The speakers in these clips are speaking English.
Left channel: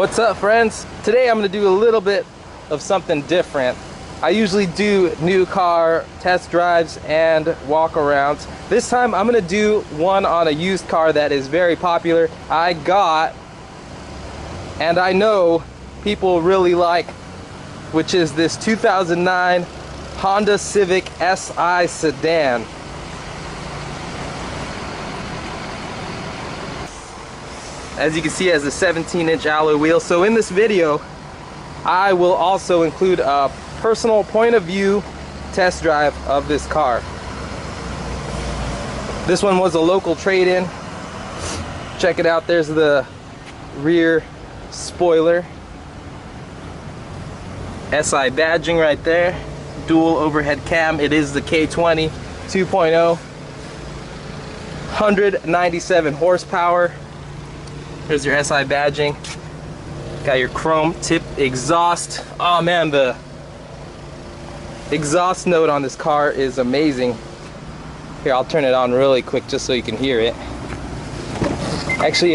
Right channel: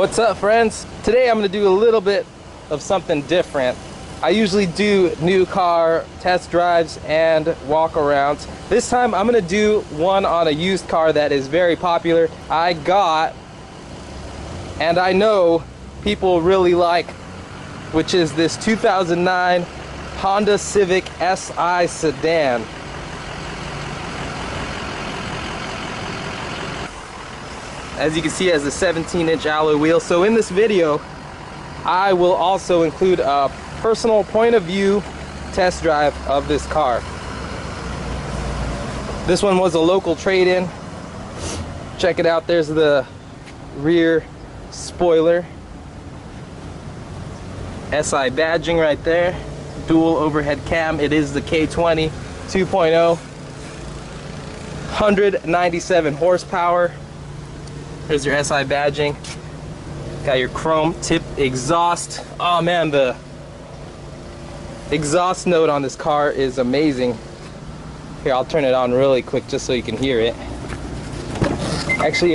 What's up, friends? Today I'm going to do a little bit of something different. I usually do new car test drives and walk-arounds. This time I'm going to do one on a used car that is very popular. I got, and I know people really like, which is this 2009 Honda Civic SI Sedan. As you can see, it has a 17-inch alloy wheel. So in this video, I will also include a personal point of view test drive of this car. This one was a local trade-in. Check it out, there's the rear spoiler. SI badging right there. Dual overhead cam. It is the K20 2.0. 197 horsepower. There's your SI badging. Got your chrome tip exhaust. Oh man, the exhaust note on this car is amazing. Here, I'll turn it on really quick just so you can hear it. Actually,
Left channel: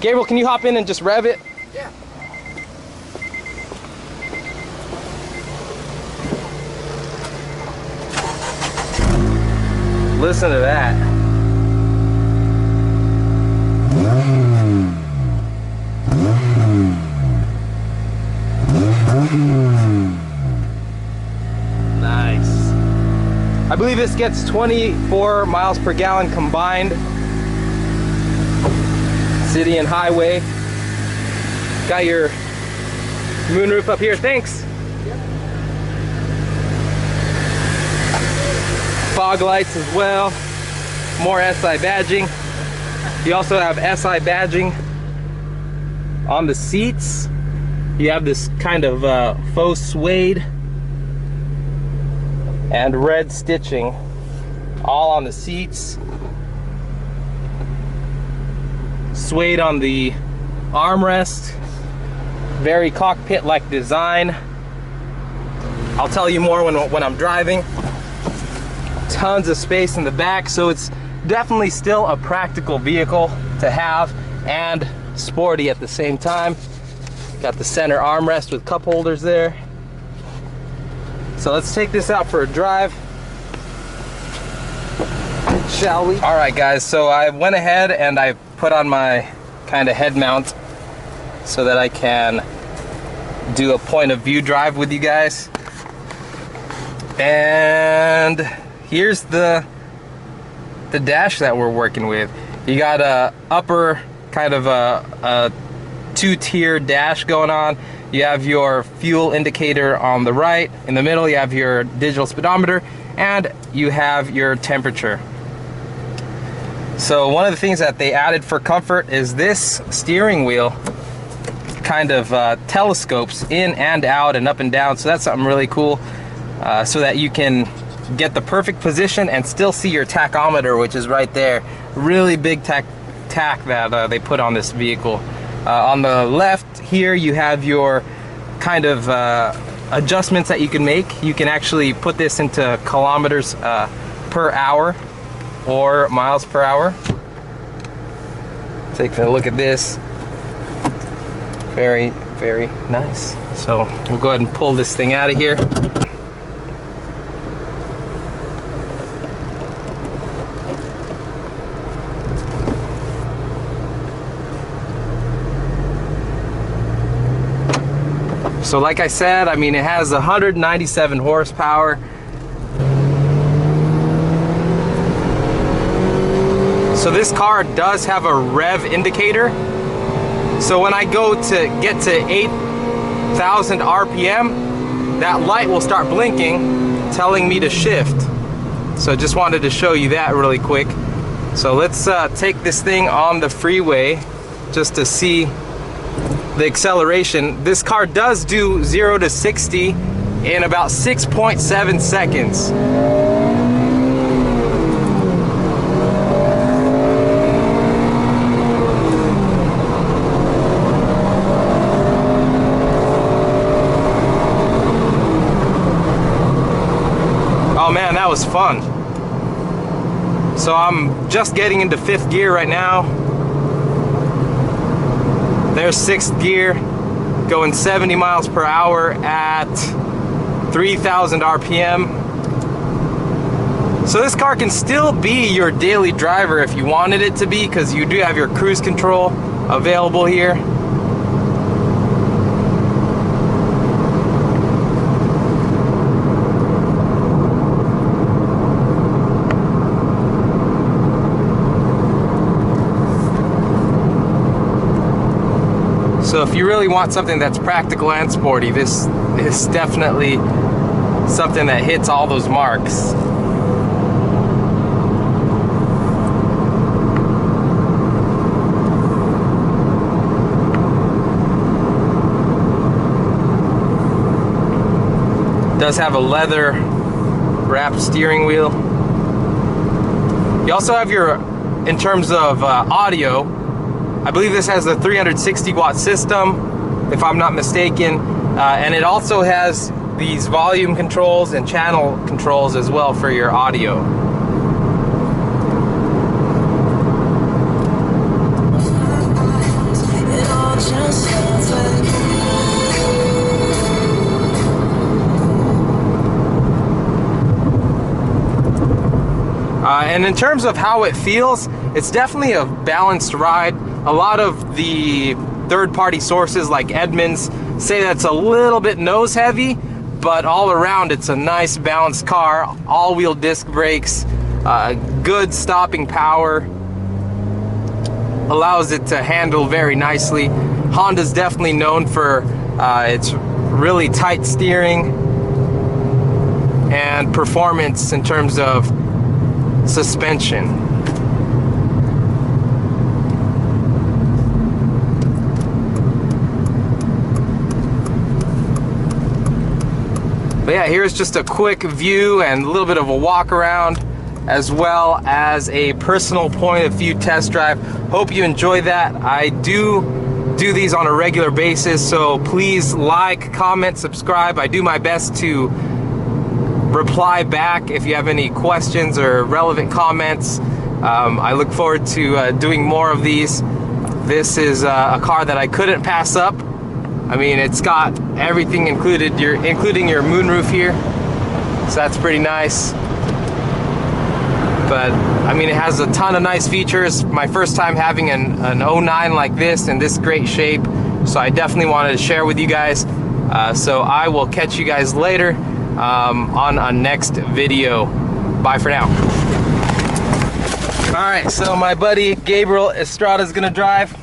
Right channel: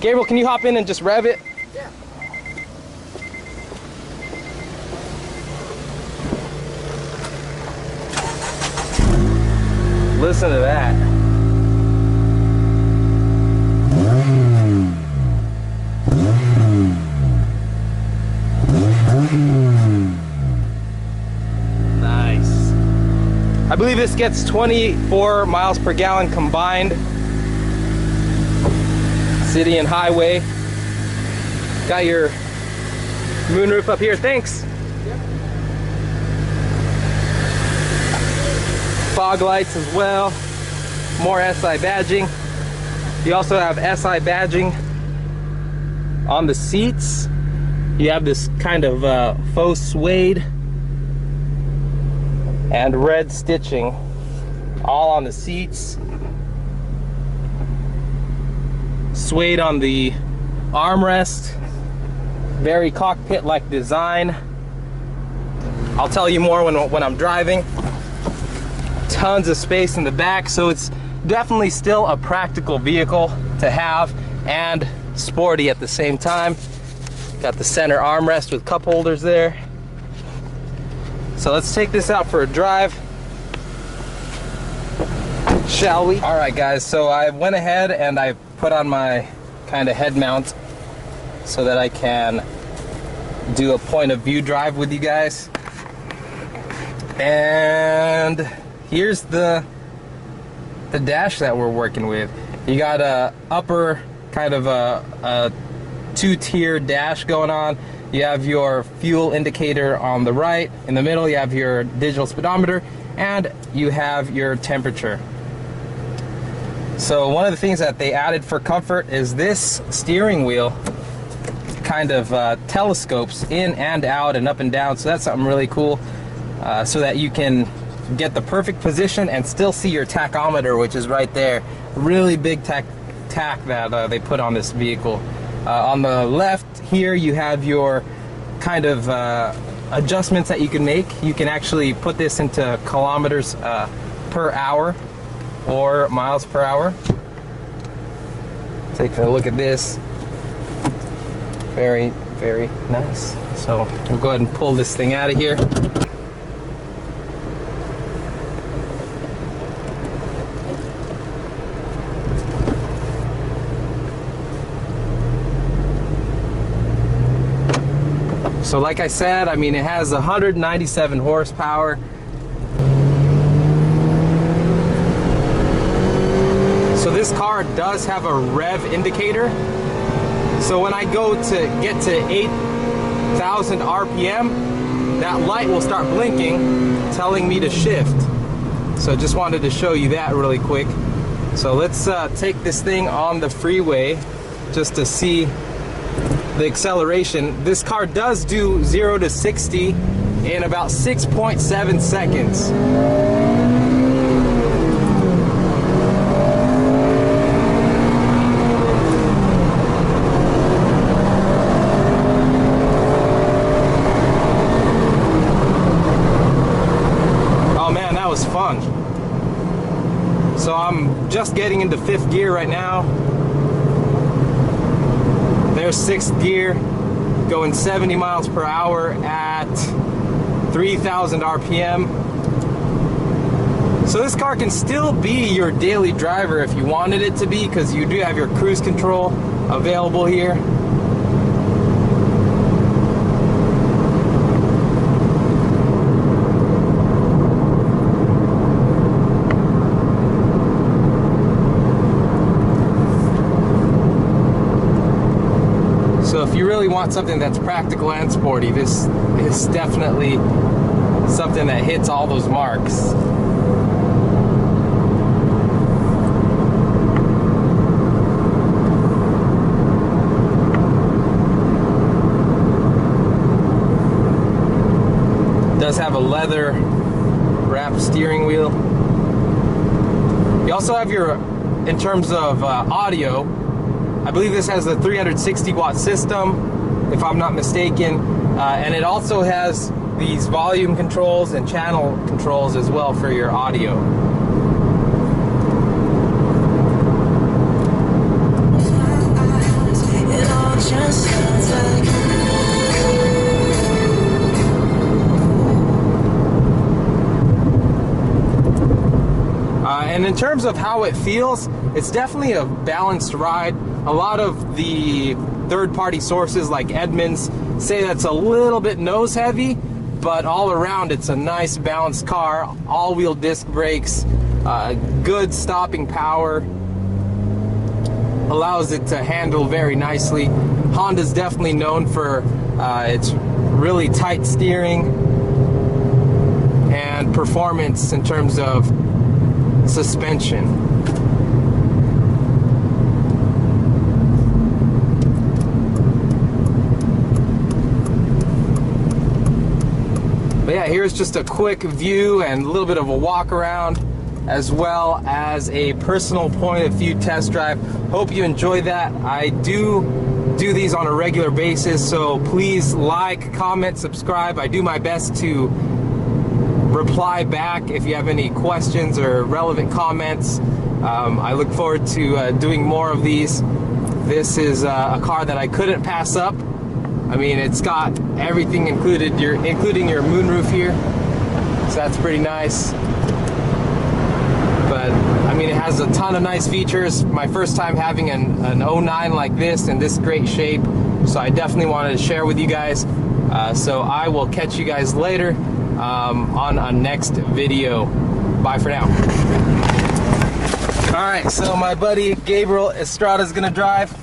Gabriel, can you hop in and just rev it? Yeah. Listen to that. Nice. I believe this gets 24 miles per gallon combined. City and highway. Got your moonroof up here. Thanks. Yep. Fog lights as well. More SI badging. You also have SI badging on the seats. You have this kind of faux suede and red stitching all on the seats. Suede on the armrest. Very cockpit-like design. I'll tell you more when I'm driving. Tons of space in the back, so it's definitely still a practical vehicle to have and sporty at the same time. Got the center armrest with cup holders there. So let's take this out for a drive, shall we? All right, guys, so I went ahead and I put on my kind of head mount so that I can do a point of view drive with you guys. And here's the dash that we're working with. You got a upper kind of a two-tier dash going on. You have your fuel indicator on the right. In the middle, you have your digital speedometer, and you have your temperature. So one of the things that they added for comfort is this steering wheel kind of telescopes in and out and up and down. So that's something really cool, so that you can get the perfect position and still see your tachometer, which is right there. Really big tack that they put on this vehicle. On the left here, you have your kind of adjustments that you can make. You can actually put this into kilometers per hour or miles per hour. Take a look at this. Very, very nice. So we'll go ahead and pull this thing out of here. So like I said, I mean, it has 197 horsepower. So this car does have a Rev Indicator. So when I go to get to 8,000 RPM, that light will start blinking, telling me to shift. So just wanted to show you that really quick. So let's take this thing on the freeway just to see the acceleration. This car does do 0 to 60 in about 6.7 seconds. Oh man, that was fun. So I'm just getting into 5th gear right now. There's 6th gear, going 70 miles per hour at 3,000 RPM. So this car can still be your daily driver if you wanted it to be, because you do have your cruise control available here. So if you really want something that's practical and sporty, this is definitely something that hits all those marks. Does have a leather wrapped steering wheel. You also have your, in terms of audio, I believe this has a 360 watt system, if I'm not mistaken, and it also has these volume controls and channel controls as well for your audio. And in terms of how it feels, it's definitely a balanced ride. A lot of the third-party sources like Edmunds say that's a little bit nose heavy, but all around it's a nice balanced car. All-wheel disc brakes, good stopping power, allows it to handle very nicely. Honda's definitely known for its really tight steering and performance in terms of suspension. But yeah, here's just a quick view and a little bit of a walk around, as well as a personal point of view test drive. Hope you enjoy that. I do these on a regular basis, so please like, comment, subscribe. I do my best to reply back if you have any questions or relevant comments. I look forward to doing more of these. This is a car that I couldn't pass up. I mean, it's got everything included, including your moonroof here, so that's pretty nice. But I mean, it has a ton of nice features. My first time having an 09 like this in this great shape, so I definitely wanted to share with you guys. So I will catch you guys later on a next video. Bye for now. Alright, so my buddy Gabriel Estrada is gonna drive,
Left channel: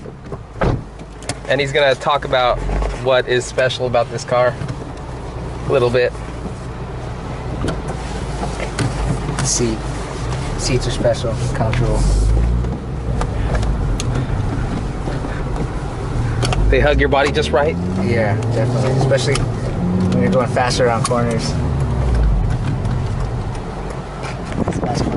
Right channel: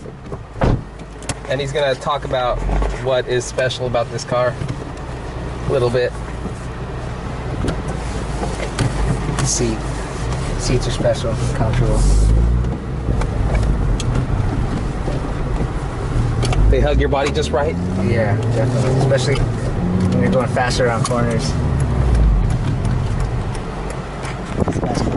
and he's gonna talk about what is special about this car a little bit. Seats are special, comfortable. They hug your body just right? Yeah, definitely, especially when you're going faster around corners. That's a nice corner.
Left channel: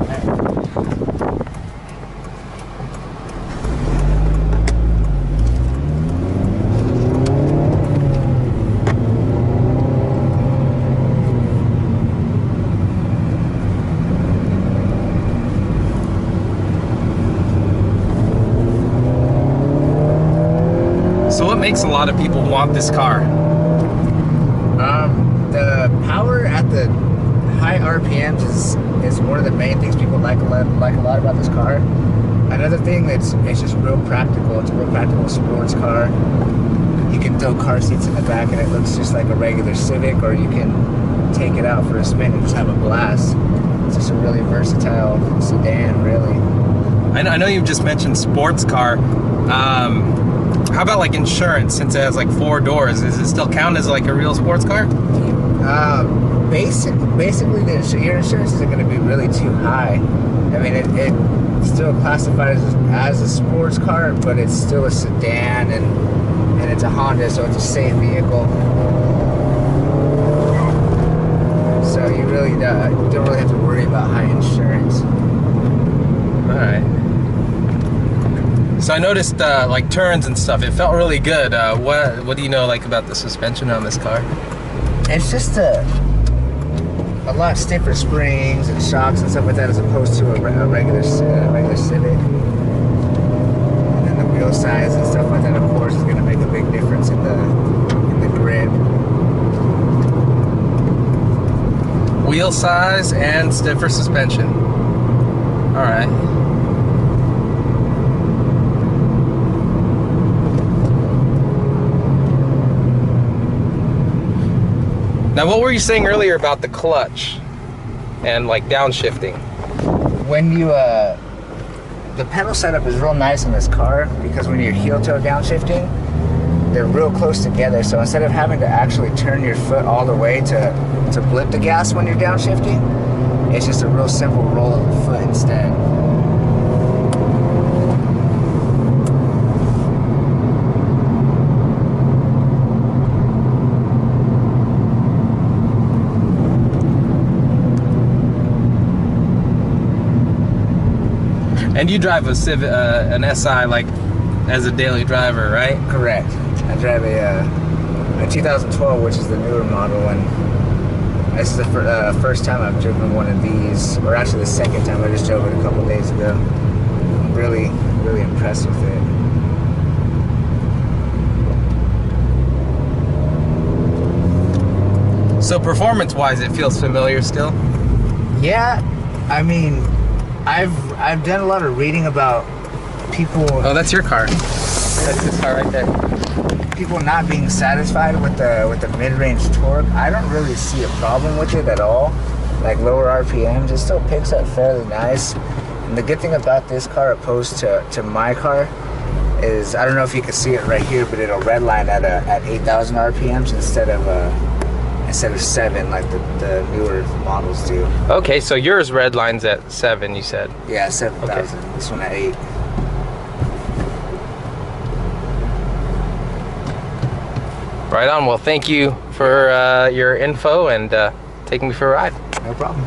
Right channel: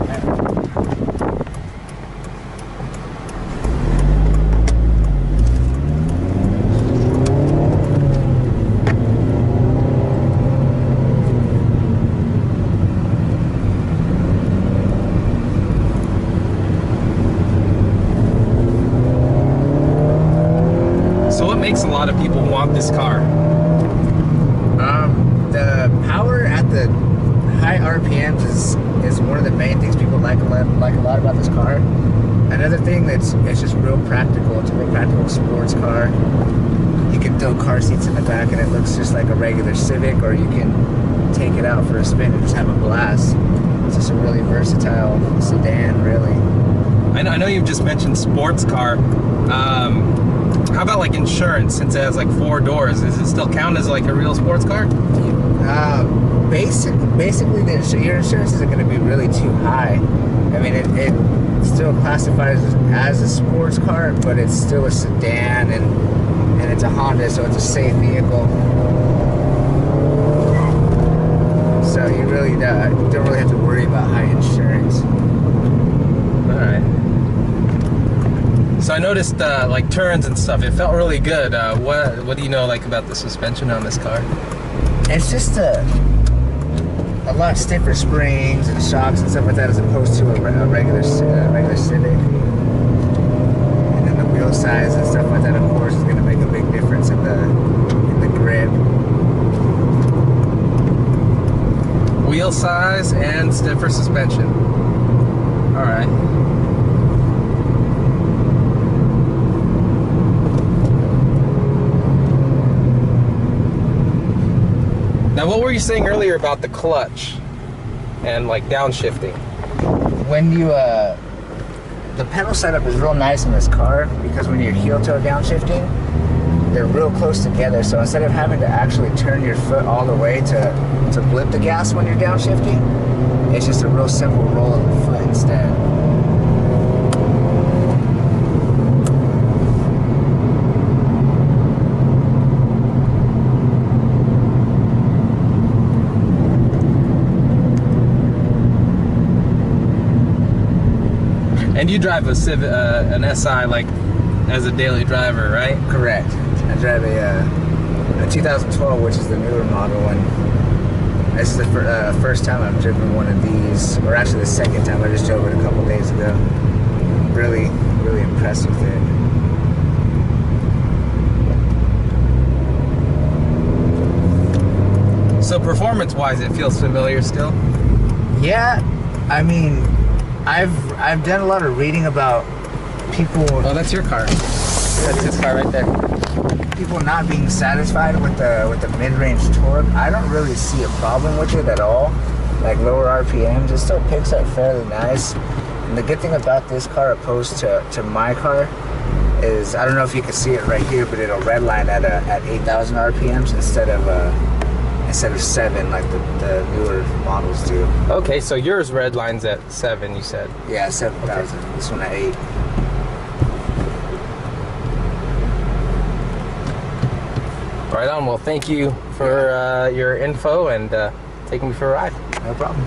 So what makes a lot of people want this car? The power at the high RPMs is one of the main things people like a lot about this car. Another thing it's just real practical. It's a real practical sports car. You can throw car seats in the back and it looks just like a regular Civic, or you can take it out for a spin and just have a blast. It's just a really versatile sedan, really. I know you've just mentioned sports car. How about like insurance, since it has like 4 doors? Does it still count as like a real sports car? Basically, your insurance isn't going to be really too high. I mean, it still classifies as a sports car, but it's still a sedan, and it's a Honda, so it's a safe vehicle. So you really don't really have to worry about high insurance. All right. So I noticed like turns and stuff. It felt really good. What do you know like about the suspension on this car? It's just a lot stiffer springs and shocks and stuff like that, as opposed to a regular Civic. And then the wheel size and stuff like that, of course, horsepower is going to make a big difference in the grip. Wheel size and stiffer suspension. All right. Now, what were you saying earlier about the clutch and like downshifting? When you the pedal setup is real nice in this car because when you're heel toe downshifting, they're real close together. So instead of having to actually turn your foot all the way to blip the gas when you're downshifting, it's just a real simple roll of the foot instead. And you drive a Civic, an SI, like as a daily driver, right? Correct. I drive a 2012, which is the newer model, and this is the first time I've driven one of these, or actually the second time. I just drove it a couple days ago. I'm really, really impressed with it. So performance-wise, it feels familiar still? Yeah, I mean, I've done a lot of reading about people. Oh, that's your car. That's his car right there. People not being satisfied with the mid-range torque. I don't really see a problem with it at all. Like lower RPMs, it still picks up fairly nice. And the good thing about this car opposed to my car is, I don't know if you can see it right here, but it'll redline at 8,000 RPMs instead of 7 like the newer models do. Okay, so yours red lines at 7, you said? Yeah, 7,000. Okay. This one at 8. Right on. Well, thank you for your info and taking me for a ride. No problem.